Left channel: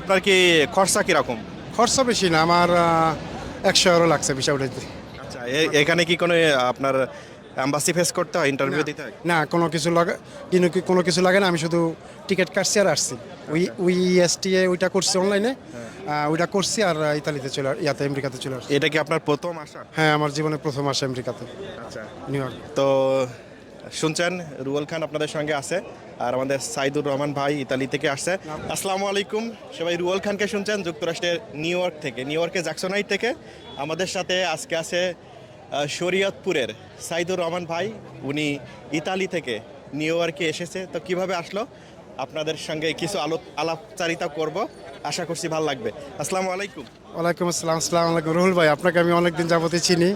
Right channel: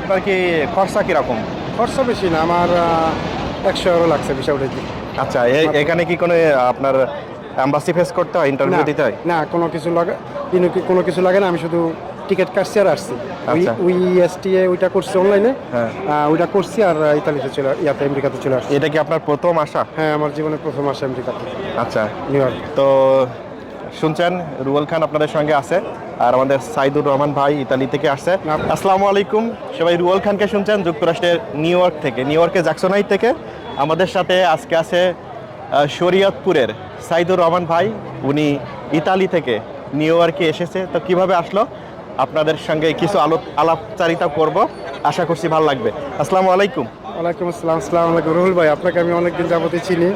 আপনার কি খরচা কীরকম? খরচা বেশি না আমার একশো এগারো লাগছে বিষয় উঠে আচ্ছা এখানে কি কোনো আপনার অ্যাম্বাসি ফেস করতে হয় ইন্টারভিউ দিতে হয়? না কোনো কিছু লাগে কোনো কিছু লাগে না আমি শুধু টিকিট কাটছি আর আসছি। আচ্ছা। উই এসটিএ ওইটা করছি অনলাইনে হ্যাঁ। ওইটা করছি আর ইতালিতে চলে ইয়াতে আমেরিকাতে চলে আসছি। এটা কি আপনার প্রথম আশা হ্যাঁ আমার জীবনে প্রথম আসে আমেরিকাতে। আচ্ছা। নিউ তো শুনছেন রুয়েল খান আপনাদের সঙ্গে আছে আর আমাদের সাইদুর রহমান ভাই ইতালি থেকে আসছে। আসসালামু আলাইকুম সবাই রুয়েল খানকে শুনছেন যুক্তরাষ্ট্রের নিউ ইয়র্ক থেকে নিউ ইয়র্কের জ্যাকসনাইট থেকে। আমাদের সাথে আজকে আছে শরীয়তপুরের সাইদুর রহমান ভাই উনি ইতালি থেকে নিউ ইয়র্কে এসেছে। তো কীভাবে আসলো? আপনাদের সঙ্গে কিছু আলোপ আলাপচারিতা করব আশা করছি ভালো লাগবে। আসসালামু আলাইকুম। ওয়ালাইকুম আসসালাম আসসালাম আলাইকুম। রুহুল ভাই আপনাকে আমি অনেকদিন যাবতে চিনি।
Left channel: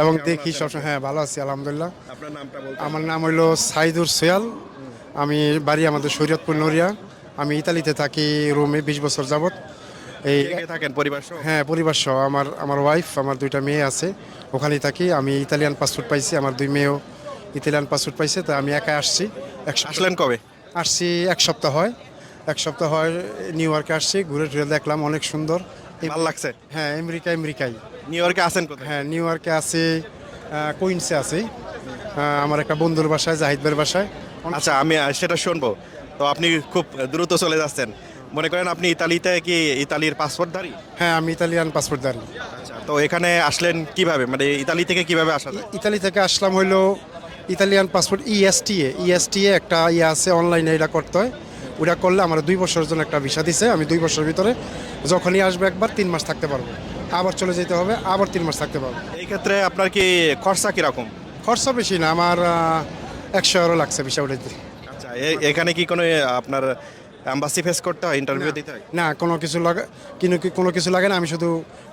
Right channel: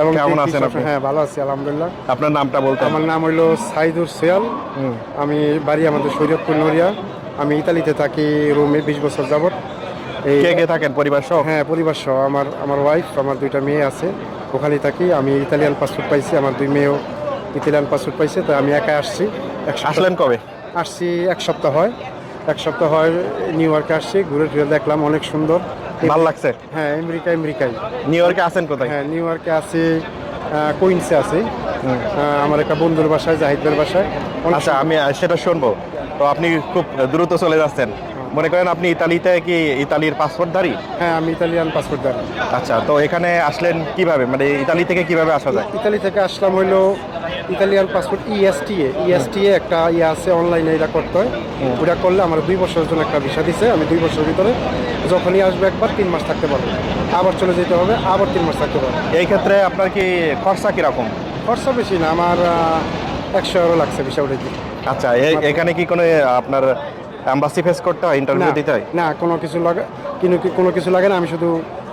এবং কেমন আছেন আপনি? হ্যাঁ ভালো আছি আলহামদুলিল্লাহ। আপনার নামটা বলতে আমার নাম হইল সাইদুর সোয়াল। আমি বাড়ি আমাদের শরীয়তপুর নড়িয়া। আমি ইতালিতে থাকি রোমে বিশ বছর যাবত এই কে কে থাকেন? পরিবার সহ? হ্যাঁ পরিবার সহ। আমার আমার ওয়াইফ আমার দুইটা মেয়ে আছে। ওখানেই থাকি। আমি ইতালিয়ান পাসপোর্ট পাইছি আমার দুই মেয়েও ইতালিয়ান পাসপোর্ট পাইছে তো আমি একা আসছি। আসলেন কবে? আসছি এক সপ্তাহ হয়। এক সপ্তাহ হয় নিউ ইয়র্কে আসছি ঘুরে টুরে দেখলাম অনেক সুন্দর। ভালো লাগছে? হ্যাঁ আমেরিকা আমেরিকাই। নিউ ইয়র্কে আছেন কোথায়? হ্যাঁ নিউ ইয়র্কে আছে কুইন্সে আছে। আমার একটা বন্ধুর বাসায় জাহিদের বাসায়। আচ্ছা আমি সেটা শুনব। তো আপনি খুব দ্রুত চলে যাচ্ছেন। মনে করেন আপনি ইতালিতে কি ইতালির পাসপোর্টধারী হ্যাঁ আমি ইতালিয়ান পাসপোর্ট জানি আচ্ছা তো এখানে আসলেন কীভাবে? মানে ইতালি থেকে কীভাবে আসা যায়? ইতালি থেকে আসলাম হইল Italian passport E ESTA ESTA একটা ইয়ে আছে অনলাইনে এটা করতে হয়। ওটা করলে আমার দুই বছরের জন্য একটা ভিসা দিছে আমি দুই বছরের ভিতরে যখনই আসবে একবার তিন মাস থাকতে পারব। আবার চলে যেতে হবে আবার তিন মাস থাকতে পারব। এই ক্ষেত্রে আপনার কি খরচা কীরকম? খরচা বেশি না আমার একশো আরও লাগছে ভিসা উঠে দিতে আচ্ছা এখানে কি কোনো আপনার অ্যাম্বাসি ফেস করতে হয় ইন্টারভিউ দিতে হয়? না কোনো কিছু লাগে কিন্তু কোনো কিছু লাগে না আমি শুধু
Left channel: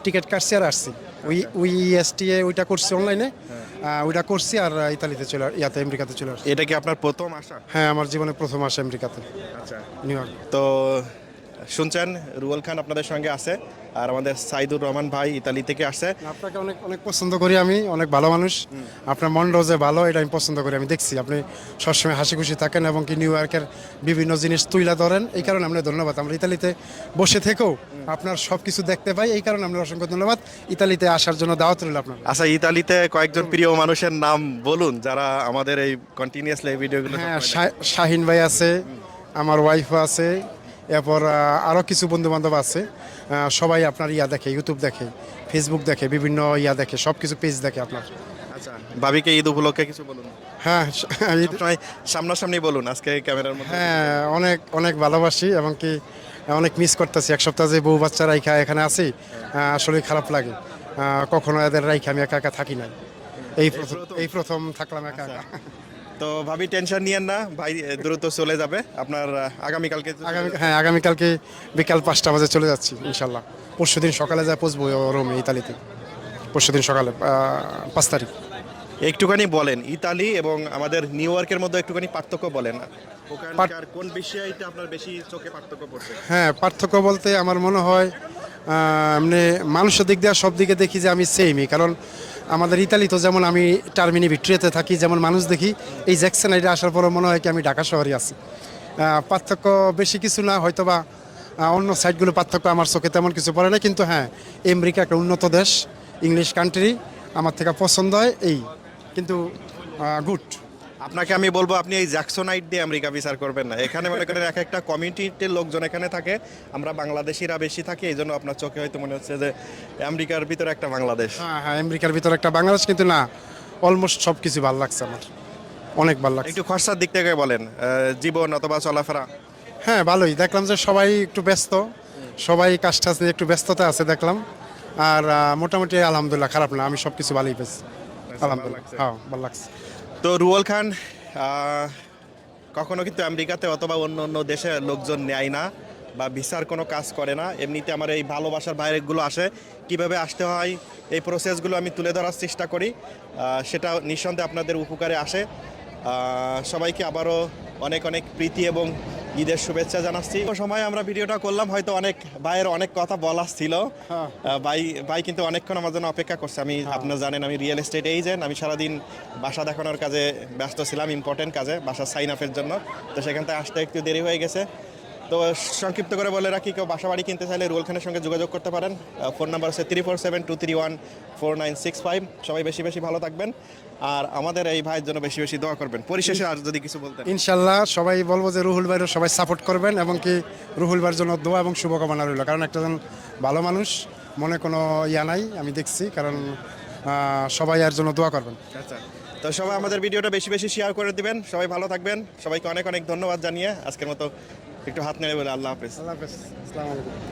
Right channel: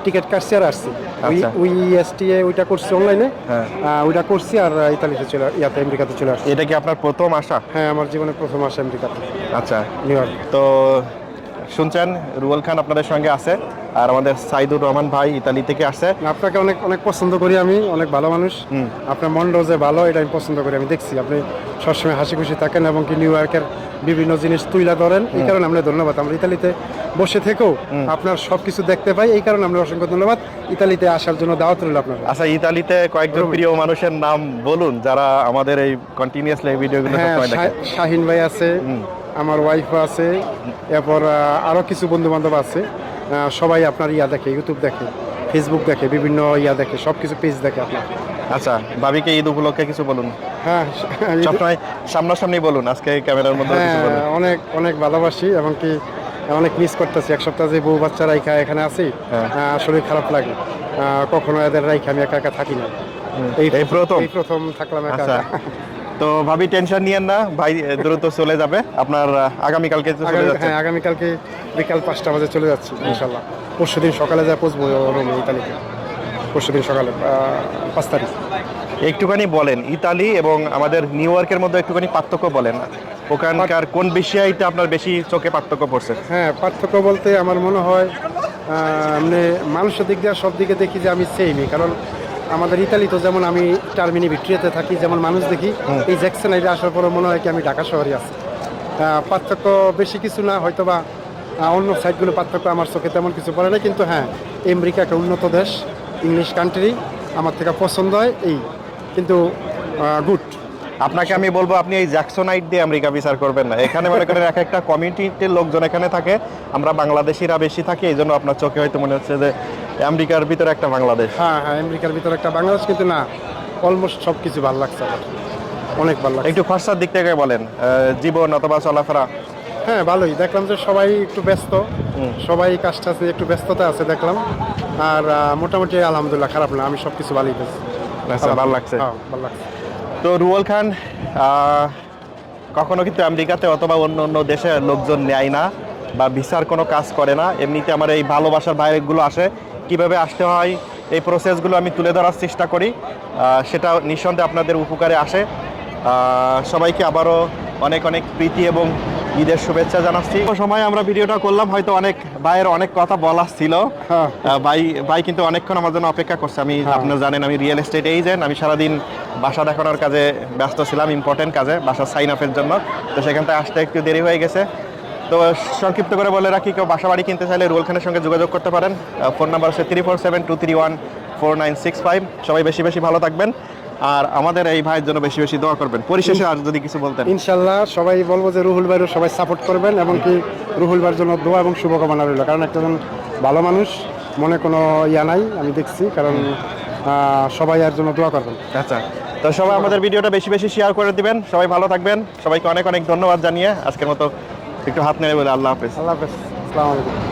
টিকিট কাটছি আর আসছি। ওই উই এসটিএ ওইটা করছি অনলাইনে হ্যাঁ। ওইটা করছি আর ইতালিতে চলে ইয়াতে আমেরিকাতে চলে আসছি। এটা কি আপনার প্রথম আসা? হ্যাঁ আমার জীবনে প্রথম আসা আমেরিকাতে। আচ্ছা। তো শুনছেন রুয়েল খান আপনাদের সঙ্গে আছে আর আমাদের সাইদুর রহমান ভাই ইতালি থেকে আসছে। আপনাকে অনেক অনেক পছন্দ করি আমি অনেক ভালো মানুষ। আপনার মনটাও যে ভালো এটা আমি পছন্দ করি আমি দেখছি। আপনি সবসময় হাসি খুশি থাকেন এবং কি নিউ ইয়র্কের বিভিন্ন জিনিস তুইলা ধরেন এই কারণে আমরা ধন্যবাদ। আমরা ইতালিতে বসে থেকেও আপনার সব কিছু দেখতে পাই এই কারণে আমরা অসংখ্য ধন্যবাদ। ইতালিতে আসার জন্য দাওয়াত রইল আপনার। আচ্ছা ইতালিতে কয়েকজন প্রিয় মানুষের নাম বলুন যারা আমাদের এই কন্টিনিউয়াসলি ভিডিওগুলো হ্যাঁ শাহিন ভাই আছে আমার ওয়াইফও আছে এরপর আরও কিছু বন্ধু বান্ধব আছে সবাই আপনার ইয়া দেখে ইউটিউব দেখে ফেসবুক দেখে বিভিন্ন ইয়া দেখে সব কিছু পেজ দেখে আপনার। আচ্ছা ভাবিকে ঈদ উপলক্ষে কিছু বলুন? হ্যাঁ সবসময় সামনাসামনি বলুন আজকে ক্যামেরার মধ্যে হ্যাঁ অনেক অনেক ভালোবাসি এবং কি অনেক মিস করতেছি। এক সপ্তাহ যে বউ বাচ্চা রাইখা এখানে আছি হ্যাঁ। শরীর খারাপ লাগে। কখনো এদের রাইখা আমি একা একা থাকি না। এই প্রথম? এই প্রথম থাকলাম একা আচ্ছা। একা। তো ভাবি টেনশন নিয়েন না। ভাই দ্রুত চলে যাবে। আপনার আগামীকালকে চলে আগামী- যাচ্ছে। হ্যাঁ আগামীকালকে বিকাল পাঁচটা বাজে চলে যাচ্ছি ইনশাল্লাহ। পরশু দিন সকালে যা পৌঁছবো রোমে ইতালিতে। পরশু দিন সকালে পাঁচ তারিখ। একটুখানি বলেন ইতালি এবং আমাদের নিউ ইয়র্কের মধ্যে একটুখানি পার্থক্য বলেন। ওখানকার কোন বিষয়টা আপনার বেশি চোখে পার্থক্য পড়ছে হ্যাঁ পার্থক্য বলতে আমার মনে হয় মানে মানুষের দিক দিয়ে সব দিকে দেখি যে আমি সেমই কারণ আমাদের ইতালি তো যেমন আমি টার্মিনি ভিক্টোরিয়াতে থাকি যেমন মানুষ দেখি এই জ্যাকসন আইডে আসার পরে মনে হয় কি আমি ঢাকা শহরে আছি। পার্থক্য বেশি কিছু না হয়তো বা অন্য সাইডগুলো পার্থক্য আমার চোখে তেমন কিছু পড়ে না কিন্তু হ্যাঁ আমেরিকা একটা উন্নত দেশ ইংলিশ কান্ট্রি আমার থেকে পছন্দ হয় এই। কিন্তু গুড। আপনাকে আমি বলব আপনি এই জ্যাকসোনাইট দিয়ে আমেরিকা বিচার করবেন না। এখানে মনে করেন এক একটা কমিউনিটির লোকজন এখানে থাকে আমরা বাংলাদেশিরা বেশি থাকি এই জন্য আপনার চোখে হয়তো মনে হচ্ছে যে আমেরিকার ভিতরে একটা বাংলাদেশ। হ্যাঁ হ্যাঁ আমেরিকার ভিতরে একটা বাংলাদেশ কিন্তু না অলমোস্ট সব কিছু ভালো লাগছে আমার। অনেক ভালো লাগছে। একটু খরচার দিক থেকে বলেন জীবন অথবা চলাফেরা। হ্যাঁ ভালোই। দেখলাম যে সবাই একটু ব্যস্ত। সবাই কাজ টাজ নিয়ে একটু ব্যস্ততা আছে দেখলাম। আর মোটামুটি আলহামদুলিল্লাহ খারাপ না আমি সব কিছু ভালোই পেয়েছি আচ্ছা, ভালো লাগছে। হ্যাঁ ভালো লাগছে। তো রুয়েল খান কখনো কিন্তু আমেরিকাতে অথবা অন্য অন্য দেশে লোকজন নেয় না বা ভিসার কোনো কাজ করে না। এমনিতে আমার এই ভালোবাসার বাইরেগুলো আসে। কীভাবে আসতে হয় এই প্রসেসগুলো আমি তুলে ধরার চেষ্টা করি। সেটা নিঃসন্দেহে আপনাদের উপকারে আসে। সবাইকে আবারও অনেক অনেক প্রীতি এবং ঈদের শুভেচ্ছা জানাচ্ছি। সময় আমরা ভিডিওটা করলাম হয়তো অনেক ভাইয়ের অনেক কথা বলার ছিল। হ্যাঁ। ভাই ভাই কিন্তু অনেকক্ষণ আমার জন্য অপেক্ষা করছে। আমি আপনারা জানেন আমি রিয়েল এস্টেট এজেন্ট আমি সারাদিন বাসা দেখানোর কাজে ব্যস্ত ছিলাম ইম্পর্টেন্ট কাজে বাসা সাইন আপের জন্য। তো সেখান থেকে আসতে একটু দেরি হয়ে গেছে। তো সংক্ষিপ্ত করে বলে রাখি কেউ বাসা বাড়ি কিনতে চাইলে রুয়েল খানের সঙ্গে যোগাযোগ করতে পারেন। ফোন নাম্বার হচ্ছে three four seven two three one four nine six five সবাই বেশি বেশি ভালো থাকবেন। আর আমাদের এই ভাইয়ের জন্য বেশি বেশি দোয়া করবেন। পরিশেষে আর যদি কিছু বলতেন। ইনশাল্লাহ সবাই বলব যে রুহুল ভাইরও সবাই সাপোর্ট করবেন এবং কি রুহুল ভাইয়ের জন্য দোয়া এবং শুভকামনা রইল। কারণ একটা ভালো মানুষ মনে কোনো ইয়া নাই আমি দেখছি। কারণ সবাই এর জন্য দোয়া করবেন। আচ্ছা। তো সবাই আমাদের ভিডিওটা বেশি বেশি শেয়ার করে দিবেন। সবাই ভালো থাকবেন। সবাইকে অনেক অনেক ধন্যবাদ জানিয়ে আজকের মতো একটু হাত নেড়ে বলে আল্লাহ হাফেজ। আল্লাহ হাফেজ। আসসালামু আলাইকুম।